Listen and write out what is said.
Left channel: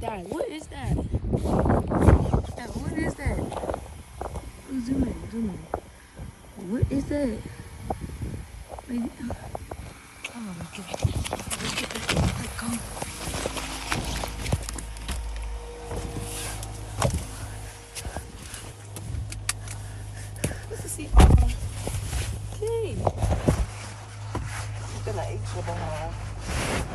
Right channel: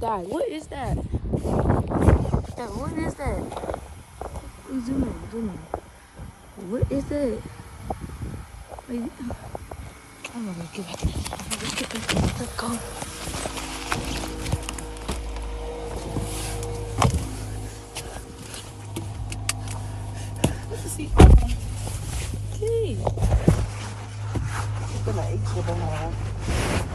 Dad, what is that? Dad, what is that? Zoom in, zoom in. What is that? Wait. Oh, let's get back. Let's get back. Let's go. Let's see. Okay. Ito na, ito na.